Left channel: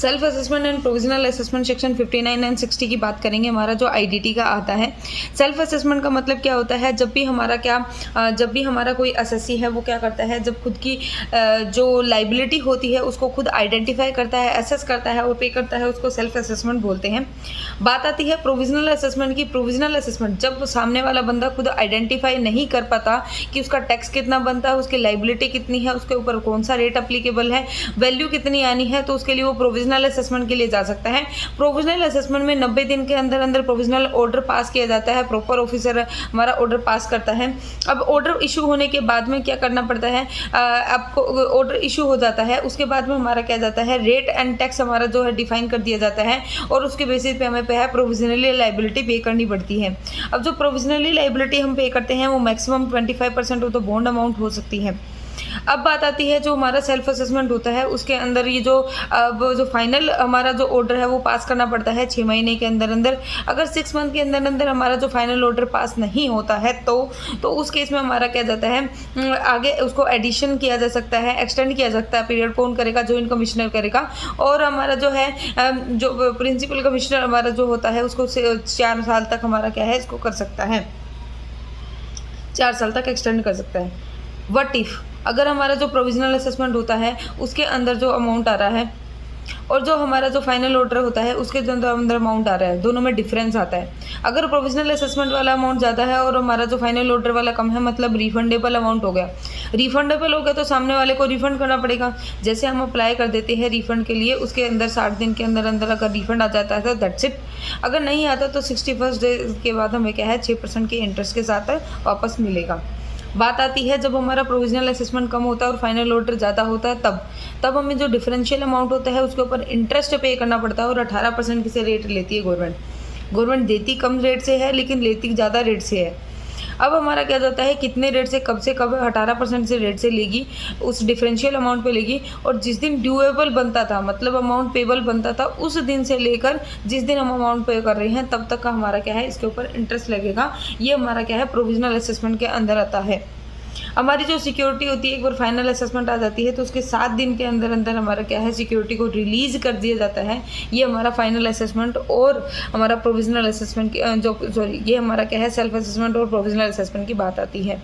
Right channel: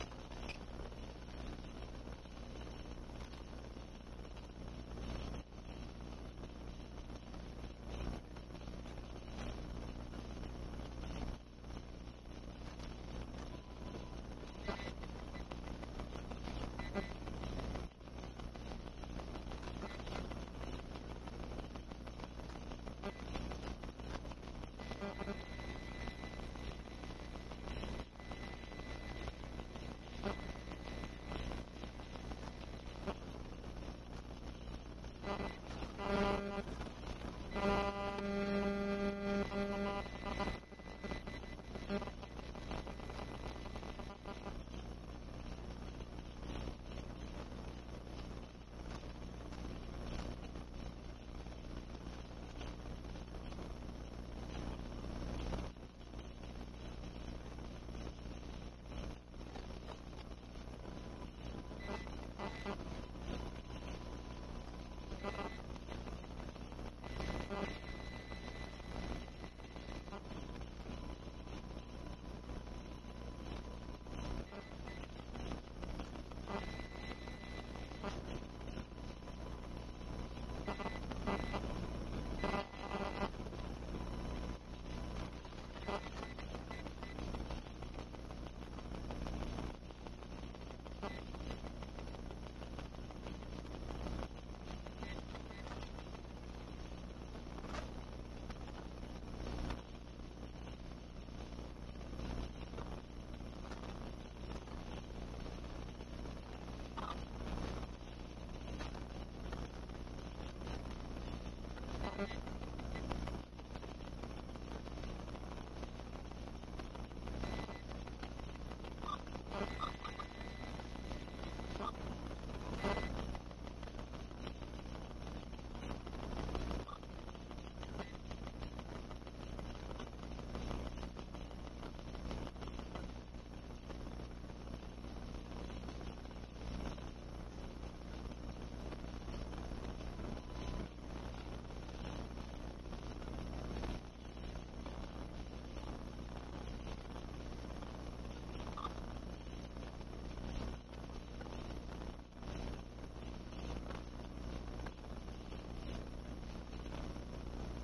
Self assessment and provisional assessment section 59 and 60 की बात करेंगे। हमारा जो आईडीटी का आता है, सेल्फ असेसमेंट का मतलब क्या होता है, जब भी हमारा कोई असेसी है वो क्या करता है, जब खुद की जो लाइबिलिटी होती है उसको खुद आइडेंटिफाई करता है, असेस करता है और पे करता है, उसको सेल्फ असेसमेंट बोलते हैं। बात आती है प्रोविजनल असेसमेंट की। प्रोविजनल असेसमेंट जब सामने वाला बंदा खुद आइडेंटिफाई नहीं कर पाता कि उसका टैक्स कितना बनता है, उसकी लाइबिलिटी कितनी है, उसके ऊपर कौन सा रेट अप्लीकेबल है, वैल्यू कितनी आनी है, तो उसके लिए वो प्रोविजनल असेसमेंट के लिए जा सकता है। प्रोविजनल असेसमेंट में 90 दिन के अंदर अंदर प्रोविजनल ऑर्डर पास किया जाता है। प्रॉपर ऑफिसर हमारा ऑर्डर पास करता है। अब ऑर्डर इशू होने के बाद में क्या करना पड़ता है, आपको ऑर्डर इशू हो जाता है, उसके बाद में हमारा क्या जाता है, रेट एंड टैक्स हमारा जो है डिफाइन कर दिया जाता है और उसके बेसिस पे हमें प्रोविजनली लाइबिलिटी पे करनी पड़ती है। अब जो प्रोविजनली लाइबिलिटी हम पे करते हैं वो maximum 25% of the bond amount हो सकती है। अब बात आती है जो हमारा सेल्फ असेसमेंट होता है, उसके अंदर ये जो अब जो फाइनल हमारा जो ऑर्डर है वो पास करना पड़ता है 6 महीने के अंदर अंदर। अगर 6 मंथ के अंदर अंदर हमारा जो फाइनल ऑर्डर पास नहीं होता है तो उस केस में हमारा क्या जाता है, आगे उसको एडिशन किया जा सकता है, एक्सटेंड किया जा सकता है। पीरियड कौन करेगा, जॉइंट कमिश्नर करेगा। और हमारा जो है जो प्रिंसिपल कमिश्नर हमारा जो होता है उसको 4 साल तक हमारा क्या है, इसको कर सकता है, 4 साल तक एक्सटेंड कर सकता है। व्हाट इफ़ अगर हमारा जो प्रोविजनल असेसमेंट होता है उसके अंदर जो अमाउंट आ रहा है और जो हमारा जो फाइनल ऑर्डर होता है उसके अंदर अमाउंट आ रहा है, दोनों में डिफरेंस आता है। अगर प्रोविजनल असेसमेंट वाला अमाउंट ज़्यादा है और हमारा जो फाइनल ऑर्डर वाला कम है, मतलब रिफंडेबल अमाउंट हो गया। रिफंडेबल हो गया तो सामने वाले को रिफंड करना पड़ेगा। जैसे हम अप्लाई कर देते हैं रिफंड के लिए, उसके अंदर 60 दिन के अंदर अंदर अगर रिफंड आ जाता है तो दैट्स इट। अगर नहीं आता तो 61st डे के बाद हमें क्या है 6% के इंटरेस्ट के साथ वापस मिलेगा। बात आती है जब हमारा प्रोविजनल असेसमेंट कम होता है और फाइनल ऑर्डर ज़्यादा होता है, तब हमें जो डिफरेंशियल अमाउंट होता है उसके ऊपर इंटरेस्ट पे करना पड़ता है और 18% से रेट लेती है गवर्नमेंट देती कम रेट से है लेकिन लेती ज़्यादा रेट से है। अब हमारा क्या जाता है, कितने रेट से कब 18% से रेट से लेगी, उस डिफरेंशियल अमाउंट पे लेगी। और जिस दिन ड्यूएबल बनता था, मतलब अमाउंट पेबल बनता था, उस दिन से लेकर जिस दिन हम अमाउंट पे कर रहे हैं तब तक का हमारा क्या है, इसके ऊपर इंटरेस्ट लगेगा। ये हमारा क्या है, प्रोविजनल असेसमेंट के अंदर आता है। हमारी जो सिक्योरिटी होती है, एक बार फाइनल असेसमेंट आ जाती है तो उसके 7 दिन के अंदर अंदर हमारा क्या है, सिक्योरिटी को रिलीज कर दिया जाता है। ये हमारा फाइनल असेसमेंट और हमारा प्रोविजनल असेसमेंट की ये हमारा क्या है, सेल्फ असेसमेंट और प्रोविजनल असेसमेंट की बात आती है।